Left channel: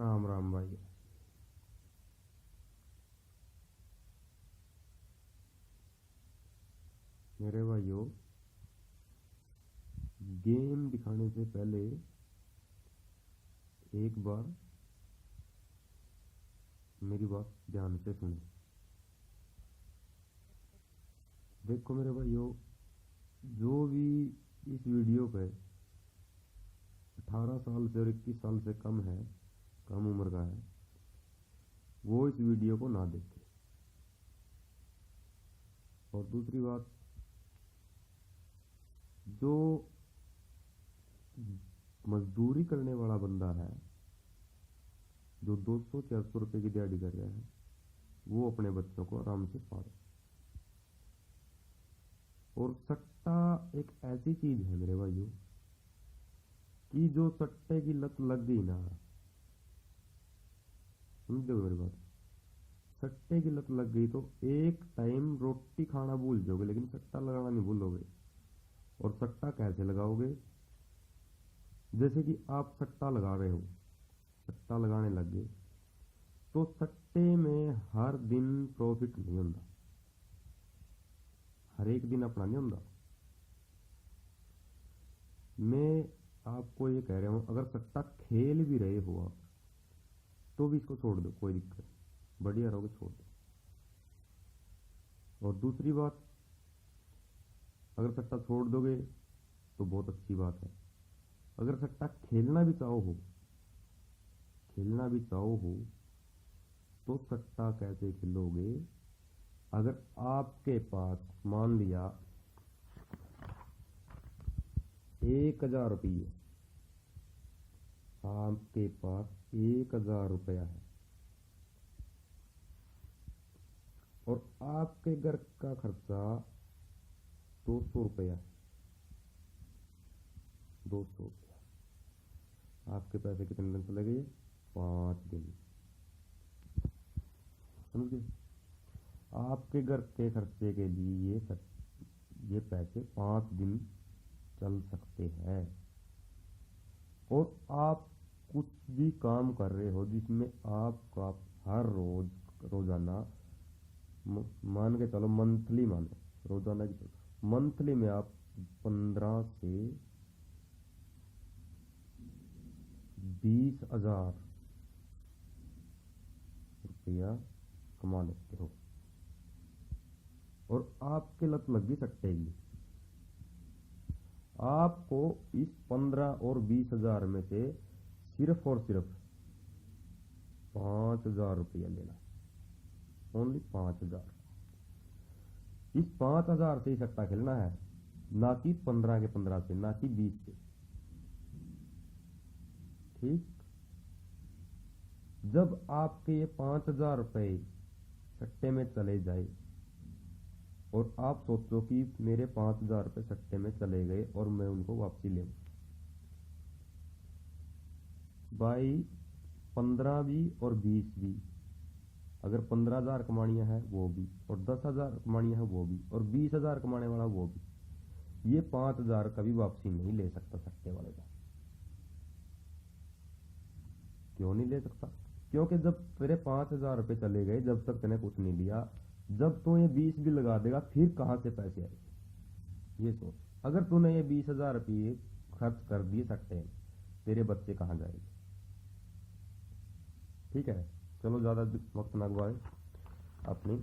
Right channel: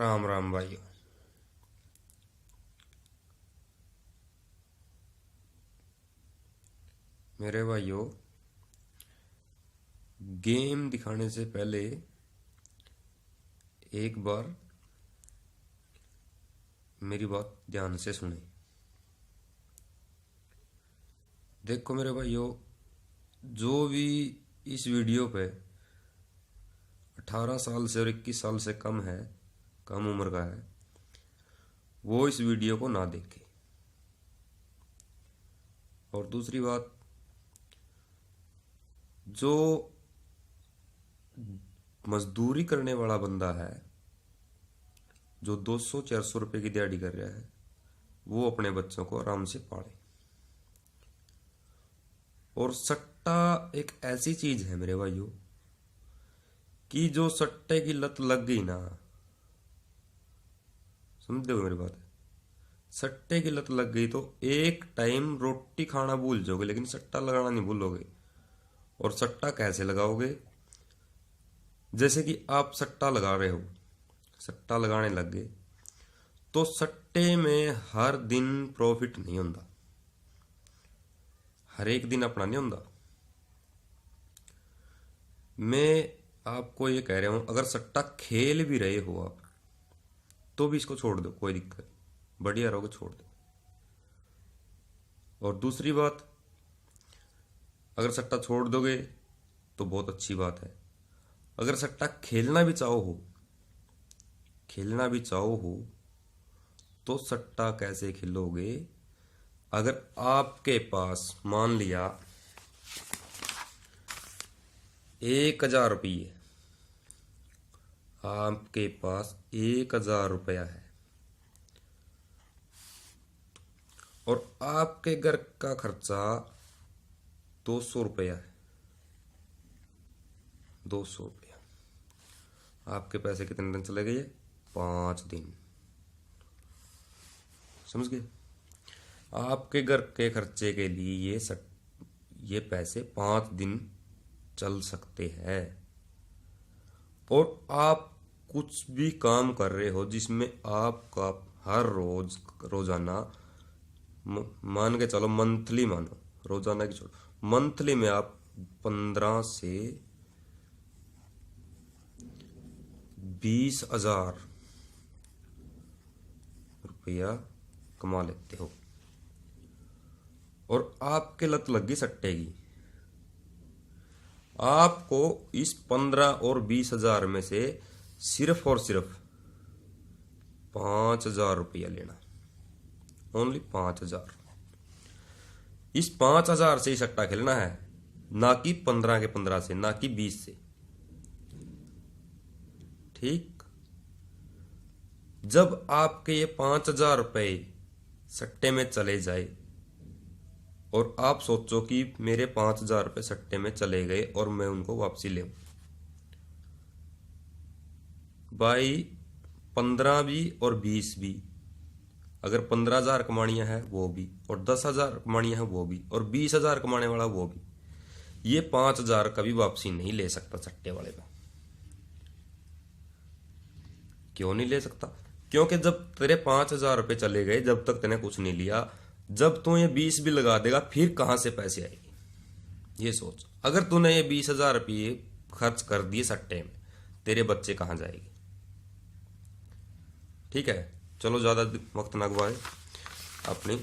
राम राम भाइयों। मेरे भाइयों, गेम दिखाने से पहले एक बार मेरी बात ध्यान से सुने। देखो मेरे भाइयों, जो भी इस वीडियो पे 18 साल से और 21 साल से कम है, कम उम्र का है, वो इस वीडियो को ना देखे। और दूसरी बात, जो मजदूरी करने वाला बंदा है, जो 200-400 रुपए की दिहाड़ी कर रहा है, वो अपने बच्चों को आराम से पाले। और सट्टा एक ऐसी चीज है मेरे भाइयों कि जो सट्टे की लत लग गई ना, समझते हो मेरी बात? सट्टे की लत लग गई तो एक टाइम रोटी खाना भूल जाओगे, लेकिन सट्टा लगाना नहीं भूलोगे। और सट्टा कैसे लगाओगे? जैसे कि आप सट्टा लगा रहे हो, सट्टा लगाने लग गए, तो सट्टे में हर दिन प्रॉफिट नहीं होता, हर एक दिन अपना नहीं होता। मैं आपको ये कह रहा हूं, अगर सट्टा खेल भी रहे हो आप, तो भी इसको छोड़ दो, कोई दिक्कत नहीं, बढ़िया रहोगे, छोड़ दो। और दूसरी बात, अगर सट्टा छोड़ दोगे तो बहुत अच्छी बात है। अगर सट्टा खेलना भी चाहो हो, खेलना भी चाहो हो, तो सट्टा कैसे खेलोगे? अगर आपके पास मान लिया 1,000 रुपये, आपके पास 1,000 रुपया है और आपके घर का खर्चा 200 रुपया है, 200 रुपया, आपके पैसे कितने दिन चले गए? 5 दिन। समझ गए? आपके घर के खर्चे के लिए ये पैसे 5 दिन चल सकते हैं। और आप कुछ भी काम कर रहे हो जिसमें आपका हर रोजाना, मान के चलो मंथली, मानो रोजाना की छोड़ो, मंथली में आप 15 से 20 हजार रुपया कमा लेते हो, और आपके लत लग गई सट्टे की। आपको इस 15 और 20 हजार में से सिर्फ और सिर्फ 5,000 रुपया लेना, ओनली 5,000। इस 5,000 से ही सट्टा खेलना है, ना कि 15 के 15 से, ना कि 20 से। ठीक? जब आपके ये 5,000 रुपये सट्टे में चले जाए और आप सोचो कि मेरे 5,000 रुपये सट्टे में चले गए और मैं उनको वापसी ले, भाई 15 भी और 20 भी, अगर 15,000 कमानियां है वो भी, और 10,000 कमानियां है वो भी, और 20,000 कमाने वाला वो भी, ये 5,000 कभी वापसी नहीं ले सकता सट्टे वाले का। क्यों नहीं ले सकता? क्योंकि जब तेरे 5,000 रुपये चले गए, जब तक तेने कुछ नहीं लिया, जब तू ये 20 भी लगा देगा, फिर कहां से पैसे आएंगे? ये सोच। अगर तूने ये 20,000 रुपये खर्च कर दिए सट्टे में, तेरे बच्चे कहां जाएंगे? ठीक है, चलो ज़्यादा वक्त ना गवाए, अपनी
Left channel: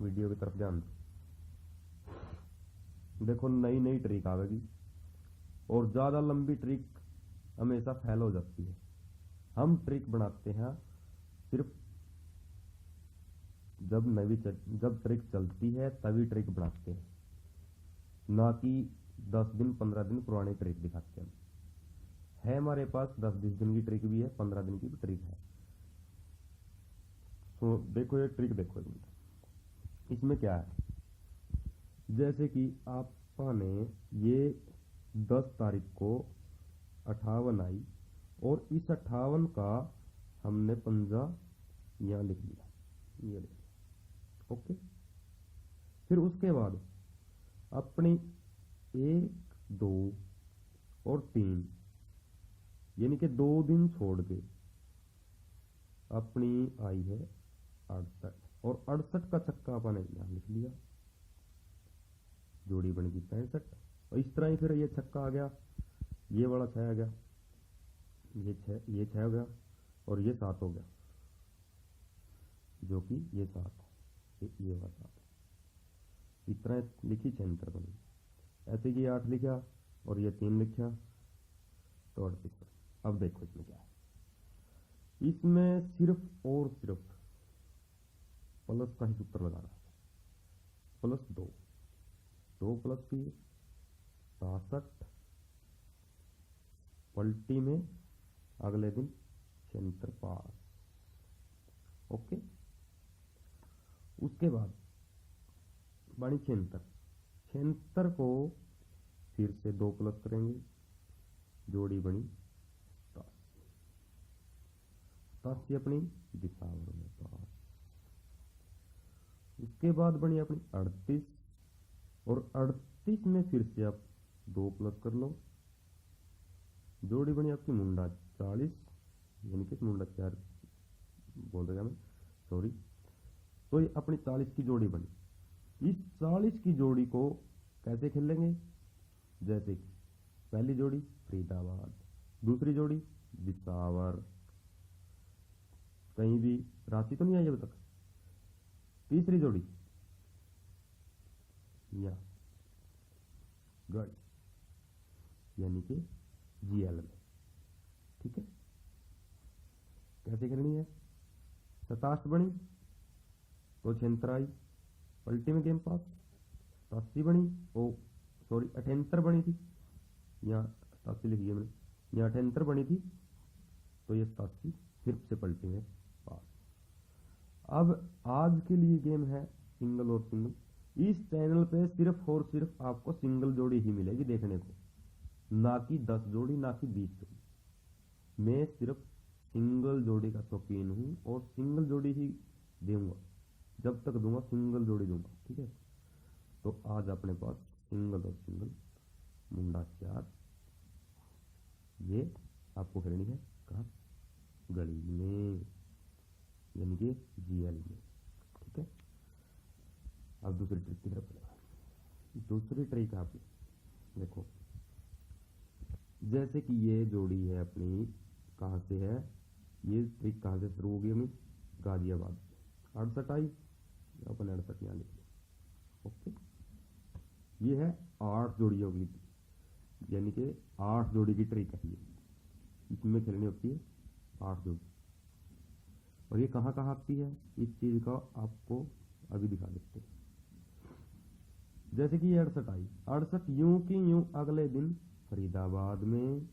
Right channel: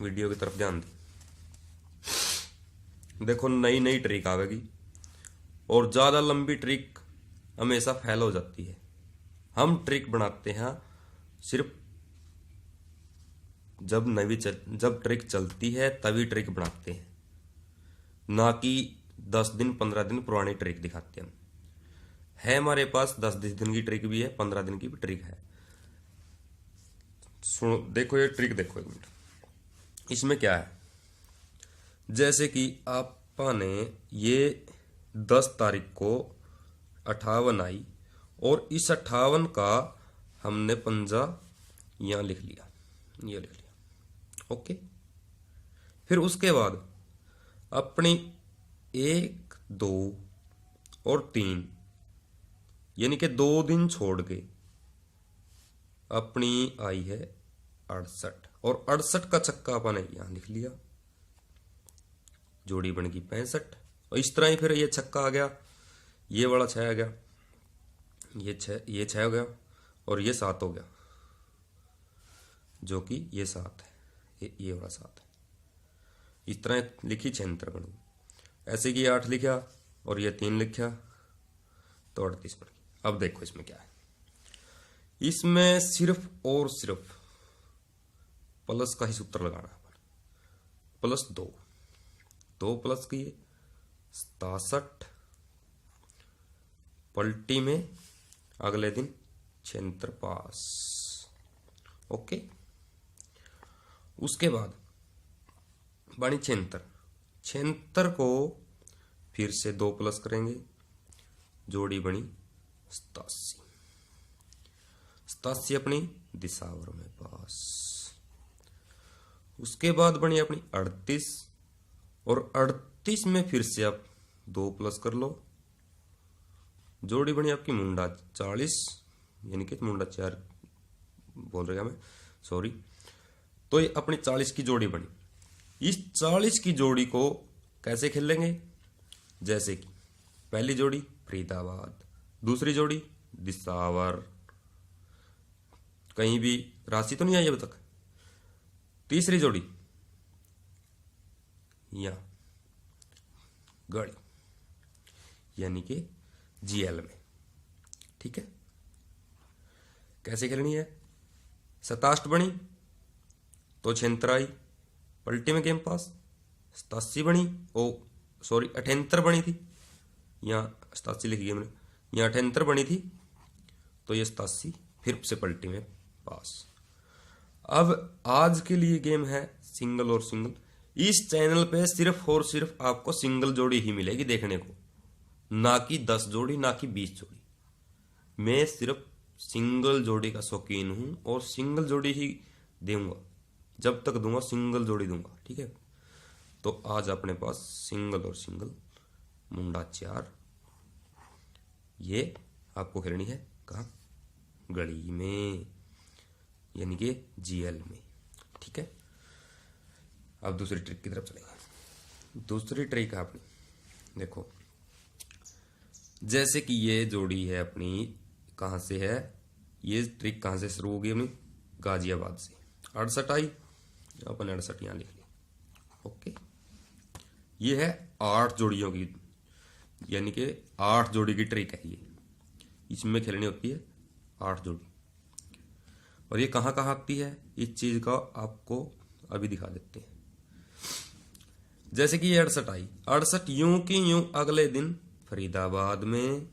वीडियो की तरफ ध्यान दें। देखो, नई नई ट्रिक आवेगी, और ज़्यादा लंबी ट्रिक हमेशा फेल हो जाती है। हम ट्रिक बनाते हैं सिर्फ जब ट्रिक चलती है तभी ट्रिक बनाते हैं, ना कि 10 दिन 15 दिन पुरानी ट्रिक दिखाते हैं। है हमारे पास 10 दिन की ट्रिक भी है, 15 दिन की भी ट्रिक है। सुनो, देखो ये ट्रिक देखो एक मिनट। इसमें क्या है, जैसे कि आपने ये 10 तारीख को 58 आई, और इस 58 का हमने पंजा यहाँ लिख लिया, ये लिख लिया, ओके। फिर उसके बाद अपनी 1, 2 और 3, यानी कि 2 दिन छोड़ के अपनी आई है 68 और 68 का छक्का अपन ने यहाँ लिख लिया, जोड़ी बन गई 65। और इस तरह ही फिर ये छक्का आ गया, ये वाला 6 आ गया, ये 6 हो गया और ये 7 हो गया, जो कि ये 7 है, ये वाला 7 है। इस तरह लिखी 76 बन गई। ऐसे कि 8 लिखा और ये 3 लिखा तो 38 बन गई। अब देखो इसमें क्या है, इसमें सिर्फ और सिर्फ प्लस का ही सूत्र लगाना है। +2 प्लस किए 67, पलटी में अगले दिन 76 पास। ओके, उसके बाद बनी 76 को फिर से 2 प्लस करेंगे, जोड़ी बनी 87 अपनी दिसावर में पास। उसके बाद बनी अपनी 38 और 38 में फिर से आप 2 प्लस कर लो, जोड़ी बनी आपकी मुंडा 40, यानी कि मुंडा 4 बोल रहा मैं, सॉरी। तो ये अपनी 40 की जोड़ी बनी। इस 40 की जोड़ी को कैसे खेलेंगे, जैसे कि पहली जोड़ी फरीदाबाद, दूसरी जोड़ी दिसावर, कहीं भी राशि तो नहीं आई अब तक, तीसरी जोड़ी या गढ़ी, यानी कि जीएल में। ठीक है, कैसे खेलनी है, 67 बनी तो 76 आई, पलटी में गेम पास। 87 बनी, ओ सॉरी 78 बनी थी, यहाँ 87 लिखी है मैंने, यहाँ 78 बनी थी तो ये 87 फिर से पलटी में पास। अब आज के लिए गेम है सिंगल और सिंगल। इस चैनल पे सिर्फ और सिर्फ आपको सिंगल जोड़ी ही मिलेगी देखने को, ना कि 10 जोड़ी, ना कि 20 जोड़ी। मैं सिर्फ सिंगल जोड़ी का शौकीन हूं और सिंगल जोड़ी ही दूंगा, जब तक दूंगा सिंगल जोड़ी दूंगा। ठीक है, तो आज अपने पास सिंगल और सिंगल मुंडा 4, ये आपको खेलनी है कहाँ, गली में, यानी कि जीएल में। ठीक है, अब दूसरी ट्रिक की तरफ चलेंगे। दूसरी ट्रिक आपने देखो, जैसे कि ये जोड़ी है अपनी, कहाँ से है ये ट्रिक, कहाँ से शुरू होगी अपनी, गाजियाबाद से। 68 आई, अपन 68 यहाँ लिख ली। ओके, ये है 8 जोड़ियों की, यानी कि 8 जोड़ी की ट्रिक है ये। इसमें खेलनी होती है 8 जोड़ी। और ये कहाँ कहाँ आती है, इस चीज का आपको अभी दिखा देते हैं। जैसे कि ये 68 आई, 68 यूं की यूं अगले दिन फरीदाबाद में,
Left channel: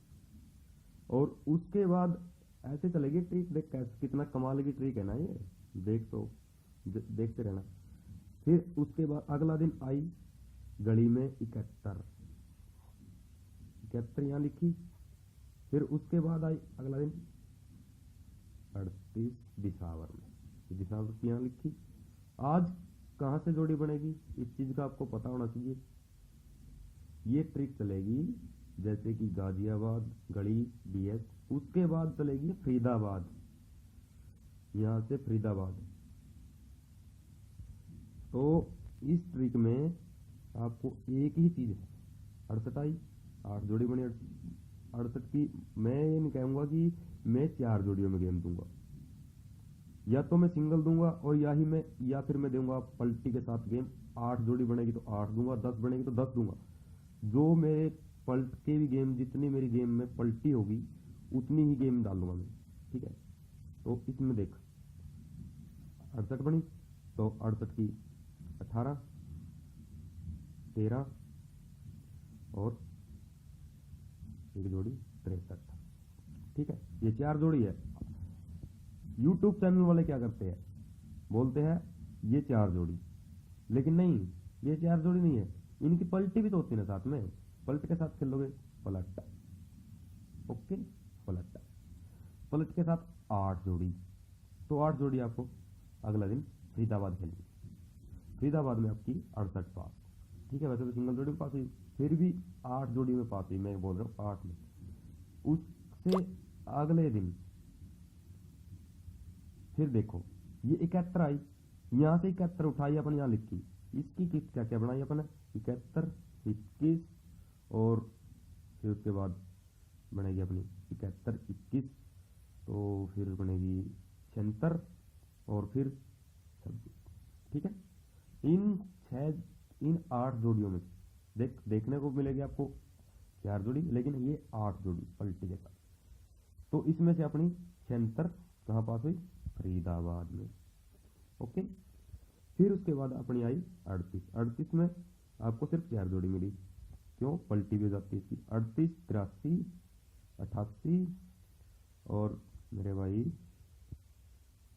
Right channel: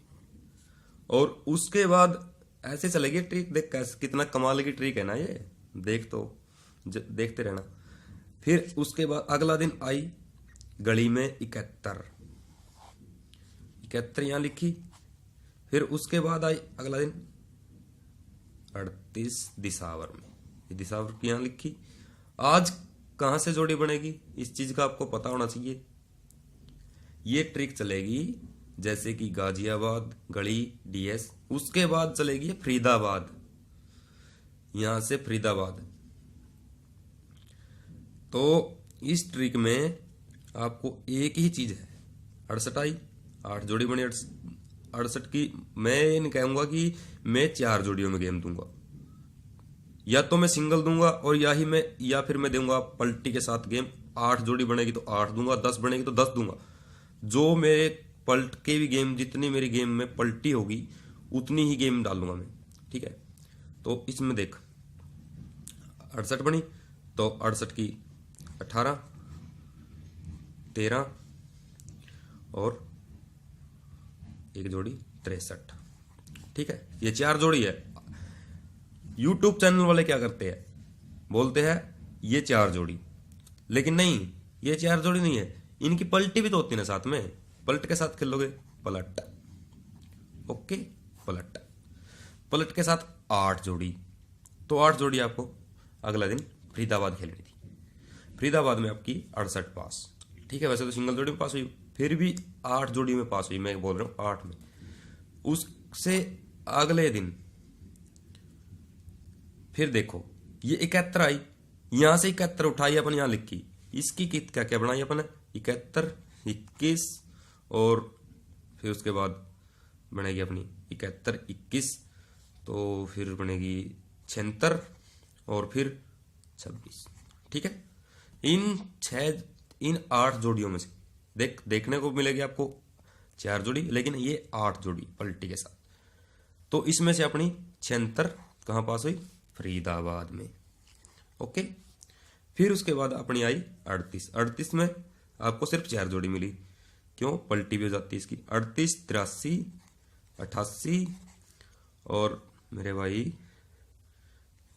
और उसके बाद ऐसे चलेगी ट्रिक। देख कैसे, कितना कमाल की ट्रिक है ना ये, देख तो देखते रहना। फिर उसके बाद अगला दिन आई गली में 71 यहाँ लिखी। फिर उसके बाद आई अगला दिन 38 दिसावर में, दिसावर की यहाँ लिखी। आज कहाँ से जोड़ी बनेगी, इस चीज का आपको पता होना चाहिए। ये ट्रिक चलेगी जैसे कि गाजियाबाद, गढ़ी, डीएस, उसके बाद चलेगी फरीदाबाद, यहां से फरीदाबाद। तो इस ट्रिक में आपको एक ही चीज है, 68 आई, 8 जोड़ी बनी 68 की। मैं ये नहीं कहूंगा कि मैं 4 जोड़ियों में गेम दूंगा, या तो मैं सिंगल दूंगा और या फिर मैं दूंगा पलटी के साथ गेम। 8 जोड़ी बनेगी तो 8 दूंगा, 10 बनेगी तो 10 दूंगा। जो मेरे पलट के भी गेम, जितनी मेरी गेम में पलटी होगी उतनी ही गेम डालूंगा मैं। ठीक है, तो इसमें देख 68 बनी तो 68 की 18, 13 और एक जोड़ी 63। ठीक है, ये 4 जोड़ी है। यूट्यूब चैनल वाले क्या करते हैं, बोलते हैं ये 4 जोड़ी, लेकिन नहीं, ये 4 जोड़ी नहीं है, इनकी पलटी भी तो होती है ना साथ में। पलट के साथ खेलोगे, पलट, ओके, पलट के साथ 8 जोड़ी, तो 8 जोड़ी आपको अगला दिन फरीदाबाद खेलनी थी। फरीदाबाद में आपकी 68 पास। ठीक है, वैसे तो सिंगल जोड़ी में पास हुई, फिर भी 8 जोड़ी में पास हुई, मैं बोल रहा हूँ 8 में। उससे अगले दिन फिर देखो ये 71 आई, यहां से 71 उठाई अपन यहां लिखी, इसकी कित क्या क्या बनाई अपन, 71, 21 और फिर उसके बाद बनेगी अपनी 71, 21, तो फिर बनेगी 76 और फिर 26। ठीक है, इन 8 जोड़ियों में से देखने को मिलेगी आपको 4 जोड़ी, लेकिन ये 8 जोड़ी पलटी के साथ। तो इसमें से अपनी 76 कहाँ पास हुई, फरीदाबाद में। ओके, फिर उसके बाद अपनी आई 38 में आपको सिर्फ 4 जोड़ी मिली, क्यों, पलटी भी हो जाती है इसकी। 38, 83, 88 और मेरे भाई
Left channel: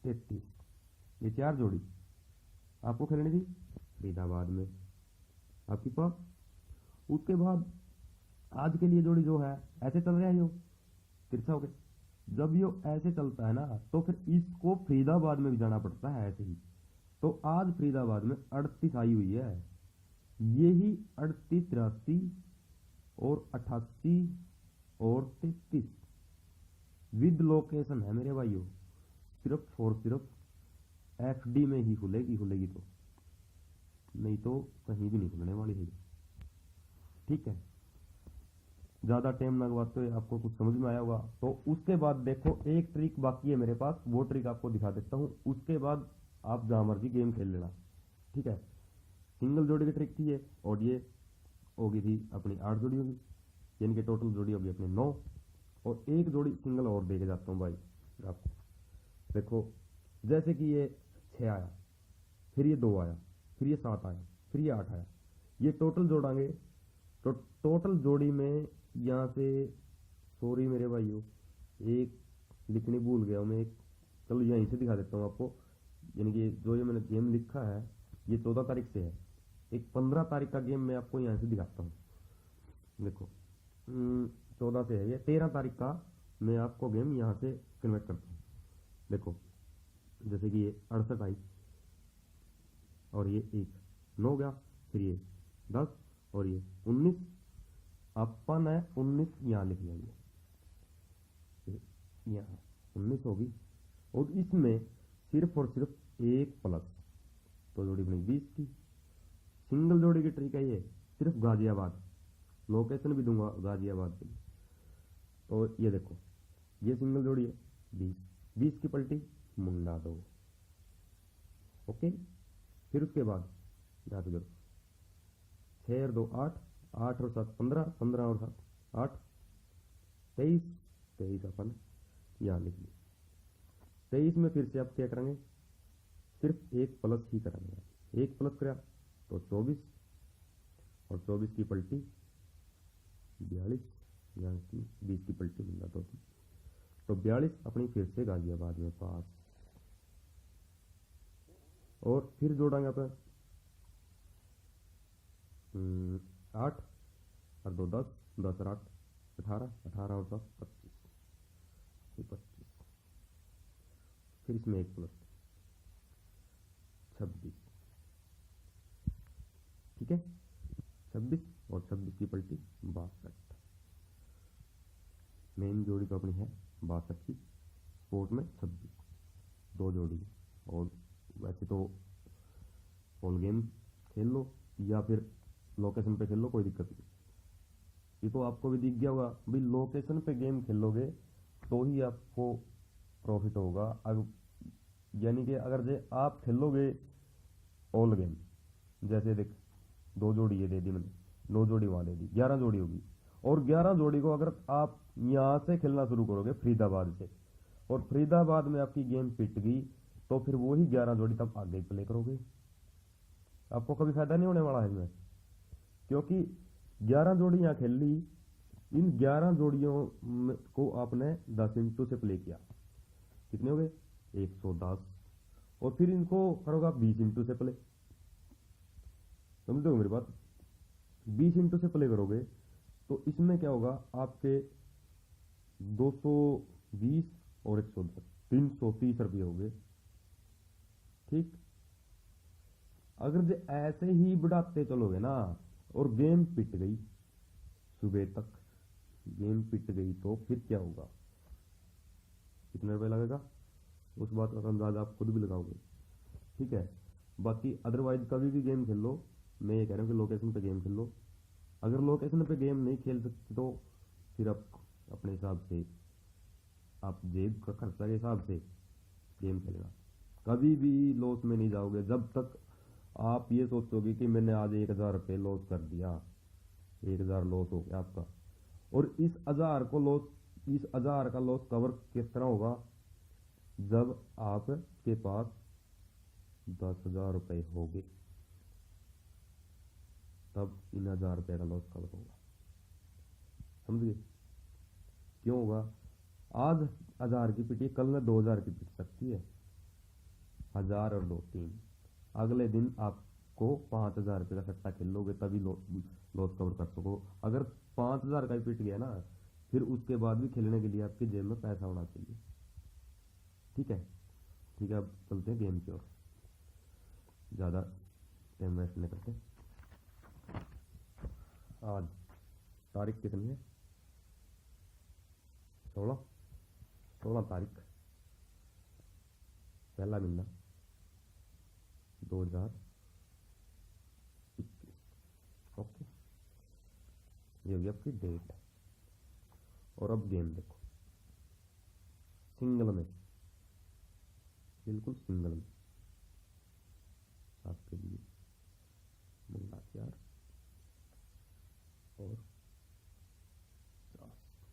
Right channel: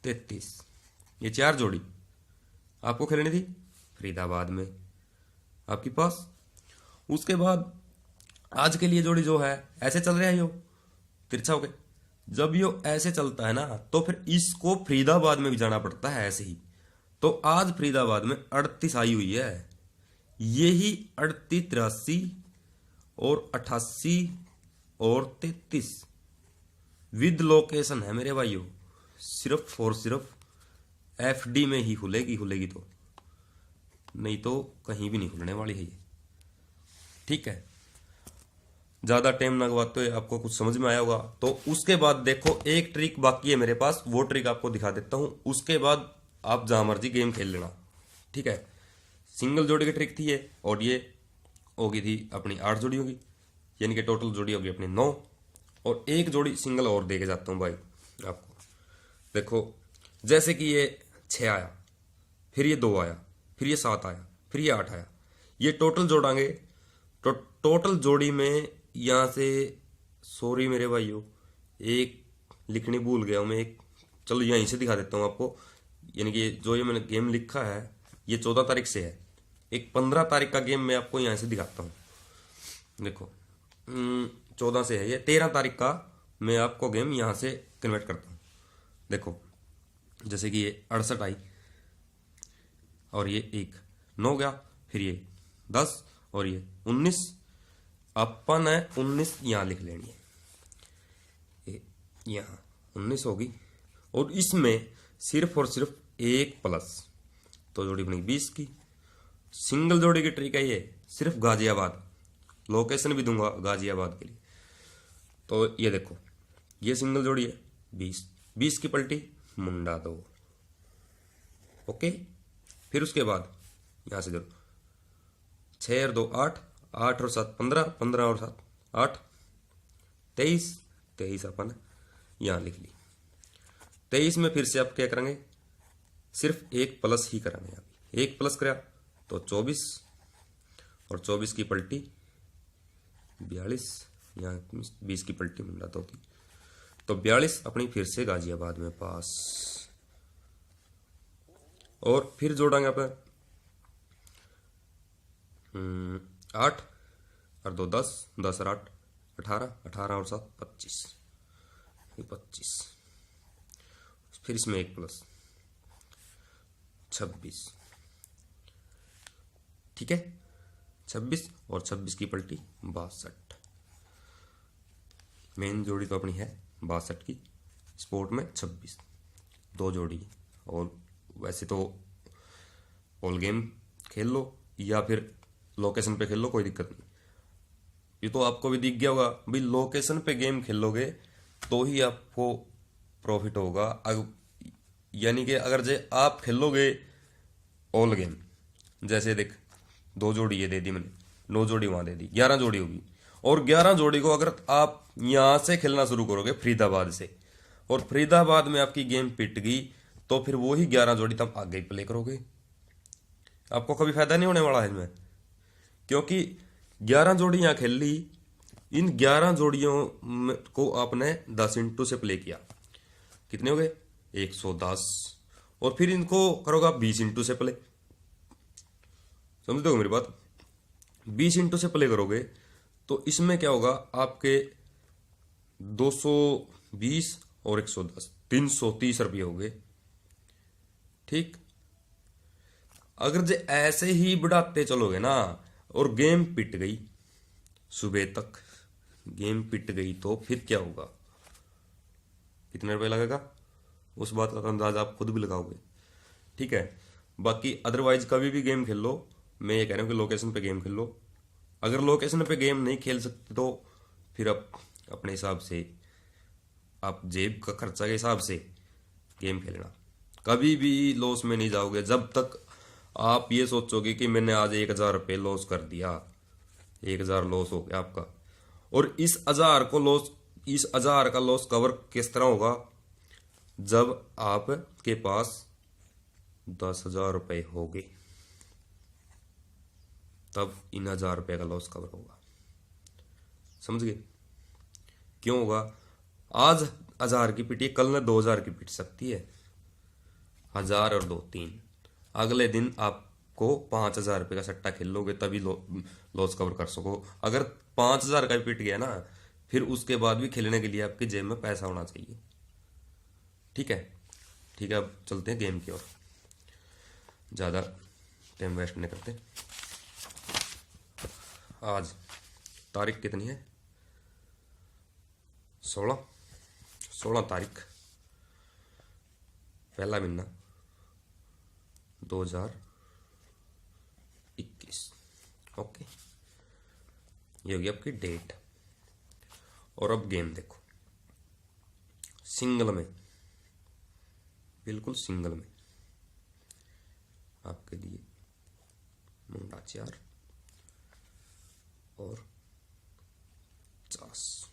33, ये 4 जोड़ी आपको खेलनी थी फरीदाबाद में आपके पास। उसके बाद आज के लिए जोड़ी जो है ऐसे चल रहा है यो तिरछा हो गया, जब यो ऐसे चलता है ना तो फिर इसको फरीदाबाद में भी जाना पड़ता है ऐसे ही। तो आज फरीदाबाद में 38 आई हुई है, यही 38, 83 और 88 और 33 विद लोकेशन है मेरे भाइयों, सिर्फ और सिर्फ एफडी में ही खुलेगी तो, नहीं तो कहीं भी नहीं खुलने वाली है ये। ठीक है, ज़्यादा टाइम ना गवाते हुए आपको कुछ समझ में आया होगा। तो उसके बाद देखो एक ट्रिक बाकी है मेरे पास, वो ट्रिक आपको दिखा देता हूँ, उसके बाद आप जहाँ मर्जी गेम खेल लेना। ठीक है, सिंगल जोड़ी की ट्रिक थी ये, और ये होगी थी अपनी 8 जोड़ी होगी, यानी कि टोटल जोड़ी होगी अपनी 9, और एक जोड़ी सिंगल और दे के जाता हूँ भाई आपको। देखो जैसे कि ये 6 आया, फिर ये 2 आया, फिर ये 7 आया, फिर ये 8 आया, ये टोटल जोड़ांगे तो टोटल जोड़ी में यहाँ से, सॉरी मेरे भाइयों एक लिखनी भूल गया हूँ मैं, एक चलो यहीं से दिखा देता हूँ आपको, यानी कि जो ये मैंने गेम लिखा है ये 14 तारीख से है, एक 15 तारीख का गेम मैं आपको यहाँ से दिखाता हूँ। देखो 14 से है ये, 13 तारीख का मैं आपको गेम यहाँ से कन्वर्ट करता हूँ। देखो जैसे कि ये 68 आई और ये 1 9 गया, फिर ये 10 और ये 19, अपन है 19 यहाँ लिख लेनी है, यहाँ 19 होगी, और इसमें सिर्फ और सिर्फ एक प्लस, तो जोड़ी बनी 20 की। सिंगल जोड़ी की ट्रिक है ये, सिर्फ गाजियाबाद, लोकेशन भी दूंगा गाजियाबाद के लिए। तो ये देखो ये सिंगल जोड़ी है 20 की पलटी मुंडा 2। ओके, फिर उसके बाद यहाँ से देखो 6 और 2 8, 8 और 7 15, 15 और 7 8, 23 अपन यहाँ लिख ली। 23 में फिर से आप क्या करेंगे, सिर्फ एक प्लस ही करेंगे, यहाँ एक प्लस करा तो 24 और 24 की पलटी 42, यहाँ 20 की पलटी मुंडा 2 थी, तो 42 अपनी फिर से गाजियाबाद में पास। और फिर जोड़ेंगे अपन 8 और 2 10, 10 और 8 18, 18 और 7 25, फिर इसमें एक प्लस 26। ठीक है, 26 और 26 की पलटी 62। मेन जोड़ी तो अपनी है 62 की, स्पोर्ट में 26 2 जोड़ी, और वैसे तो ऑल गेम खेल लो या फिर लोकेशन पे खेल लो, कोई दिक्कत नहीं। ये तो आपको भी दिख गया होगा भाई, लोकेशन पे गेम खेलोगे तो ही आपको प्रॉफिट होगा। यानी कि अगर जे आप खेलोगे ऑल गेम, जैसे देख 2 जोड़ी ये दे दी मैंने, 9 जोड़ी वहां दे दी, 11 जोड़ी होगी, और 11 जोड़ी को अगर आप यहां से खेलना शुरू करोगे फरीदाबाद से, और फरीदाबाद में आपकी गेम पिट गई, तो फिर वो ही 11 जोड़ी तब आगे ही प्ले करोगे, आपको कभी फायदा नहीं होने वाला है इसमें। क्योंकि 11 जोड़ी यहाँ खेल ली, इन 11 जोड़ियों को आपने 10 इंटू से प्ले किया, कितने हो गए 110, और फिर इनको करोगे आप 20 इंटू से प्ले, समझते हो मेरी बात, 20 इंटू से प्ले करोगे तो इसमें क्या होगा आपके 220 और 110 330 रुपये हो गए। ठीक, अगर जे ऐसे ही बढ़ाते चलोगे ना और गेम पिट गई, सुबह तक गेम पिट गई, तो फिर क्या होगा, कितने रुपए लगेगा उस बात का अंदाज़ा आप खुद भी लगाओगे। ठीक है। बाकी अदरवाइज कभी भी गेम खेल लो, मैं ये कह रहा हूँ कि लोकेशन पे गेम खेल लो। अगर लोकेशन पे गेम नहीं खेल सकते तो फिर आप अपने हिसाब से, आप जेब का खर्चा के हिसाब से गेम खेलना। कभी भी लॉस में नहीं जाओगे जब तक आप ये सोचोगे कि मैंने आज 1,000 रुपये लॉस कर दिया, 1,000 लॉस हो गया आपका। और इस 1,000 का लॉस कवर किस तरह होगा? जब आपके पास 10,000 रुपये होंगे, तब इन 1,000 रुपये का लॉस कवर होगा। समझ गए? क्यों होगा? आज 1,000 की पिटी, कल ना 2,000 की पिट सकती है। 1,000 और 2 3, अगले दिन आपको 5,000 रुपये का सट्टा खेल लोगे तभी लॉस कवर कर सको। अगर 5,000 का भी पिट गया ना, फिर उसके बाद भी खेलने के लिए आपकी जेब में पैसा होना चाहिए। ठीक है। ठीक है, अब चलते हैं गेम की ओर, ज़्यादा टाइम वेस्ट नहीं करते। आज तारीख कितनी है? 16 तारीख, पहला महीना 2021। ओके, ये होगी आपकी डेट। और अब गेम देखो, सिंगल में, बिल्कुल सिंगल में आपके लिए मुंडा 4 और 50।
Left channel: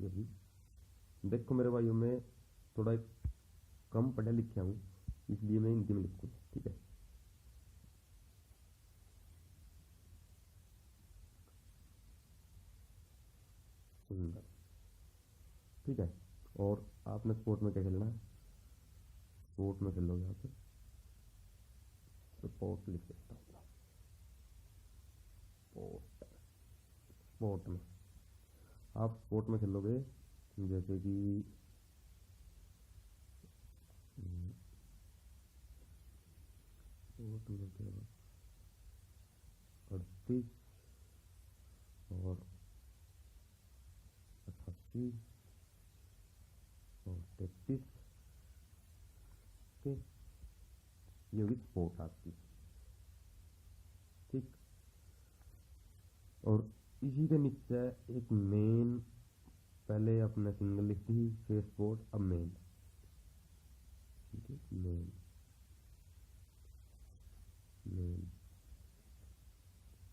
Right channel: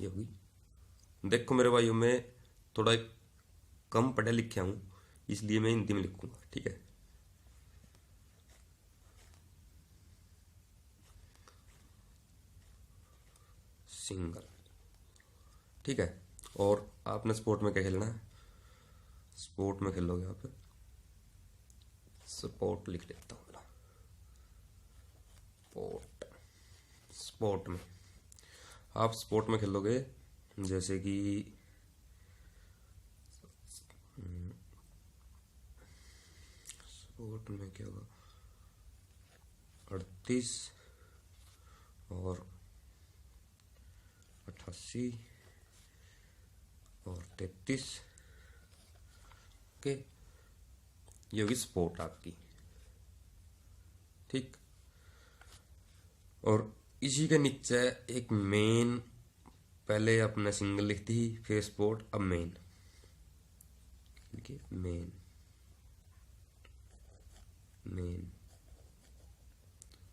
ये होगी। देखो मेरे भाइयों, मैं थोड़ा कम पढ़ा लिखा हूँ, इसलिए मैं हिंदी में लिखूंगा। ठीक है। सिंगल। ठीक है। और आपने स्पोर्ट में क्या खेलना है? स्पोर्ट में खेलोगे आप, स्पोर्ट लिख लेता हूँ मैं। स्पोर्ट, स्पोर्ट में आप स्पोर्ट में खेलोगे जैसे कि स्पोर्ट में क्या होगा, 38 और 88 और 33 के, ये होगी स्पोर्ट आपकी। ठीक। और इसी के नीचे एक मेन, पहले अपने सिंगल लिखती ही, फिर स्पोर्ट, अब मेन लिखिए। Main, main.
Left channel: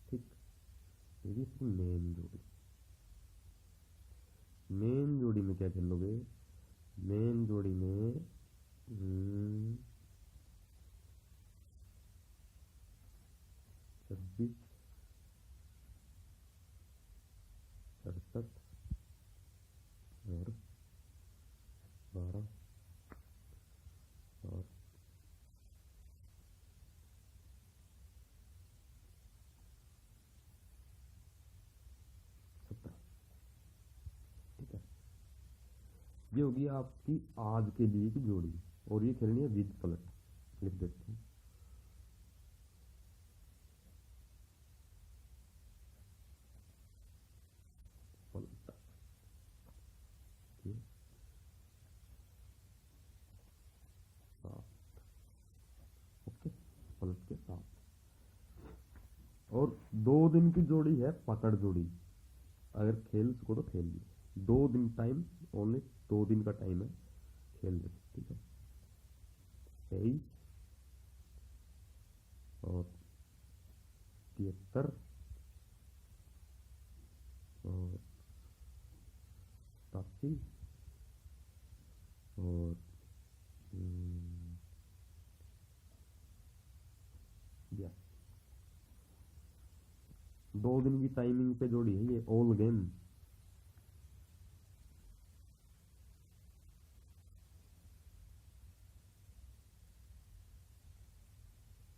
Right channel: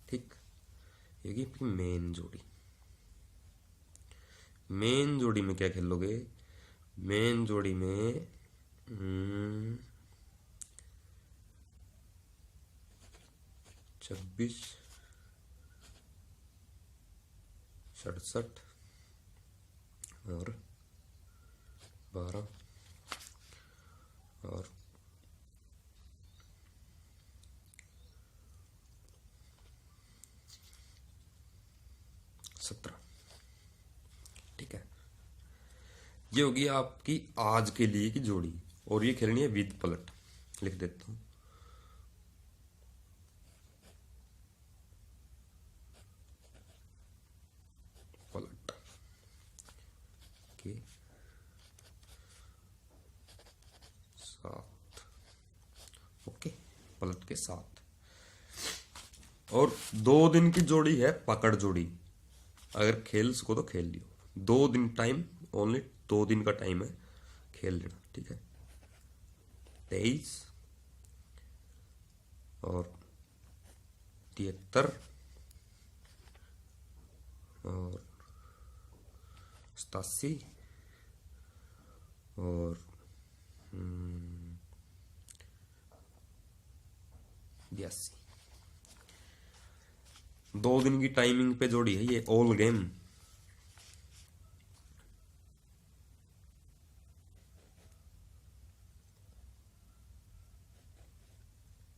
ठीक। ये होगी आपकी मेन जोड़ी। मेन जोड़ी में क्या खेलोगे? मेन जोड़ी में 26, 67 और 12 और 17। ठीक है। ये होगी आपकी आज के लिए की जोड़ी, और ये खेलनी है विद पलट। लिख देता हूँ, पलट के साथ। ओके, पलट के साथ। और 2 दिन की जोड़ी है पकड़ जोड़ी, अगर खेल सको तो खेल लियो। 2 दिन टाइम, ओनली 2 दिन का टाइम है, खेल लेना। ठीक है। 23 और 73 और 87 और 82। 2 दिन की टाइमिंग पे जोड़ी है ये, ऑल गेम।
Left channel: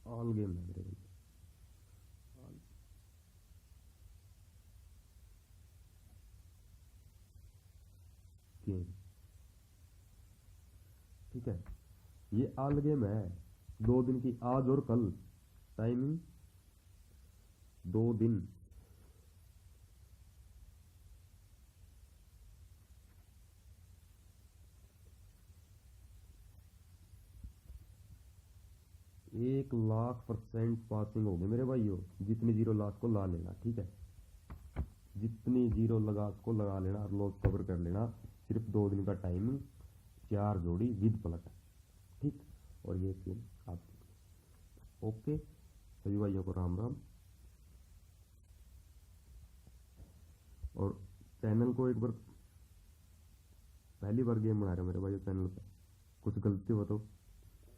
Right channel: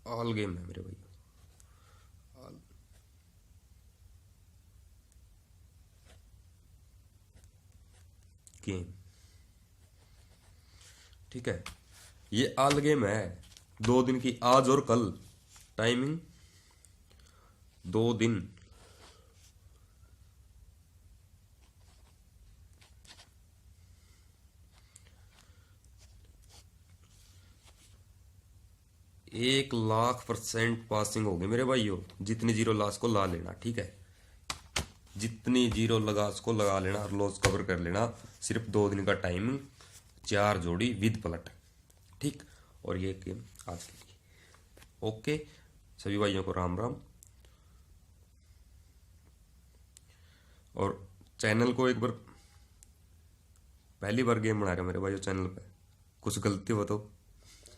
ऑल गेम है मेरे भाई, ऑल गेम। ठीक है। ये ऑल गेम है, 2 दिन की, आज और कल। टाइमिंग 2 दिन। 1,00,000% पासिंग होगी मेरे भाइयों। जितनी जीरो लॉस को ला लेना, ठीक है, जितनी जीरो लॉस को लगा लेना और लॉस कवर कर लेना। सिर्फ 2 दिन का टाइमिंग, 4 जोड़ी विद पलट, ठीक। और ये गेम आज के लिए ओके। सभी भाइयों को राम राम। और चैनल को एक बार, पहली बार गेम बना रहे हो मेरे भाइयों चैनल पे, कुछ गलती हो तो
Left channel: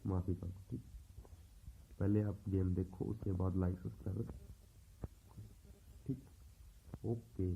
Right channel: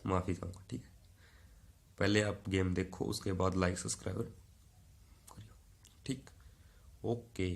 माफ़ी चाहूँगा, ठीक है। पहले आप गेम देखो, उसके बाद लाइक सब्सक्राइब करियो, ठीक। ओके।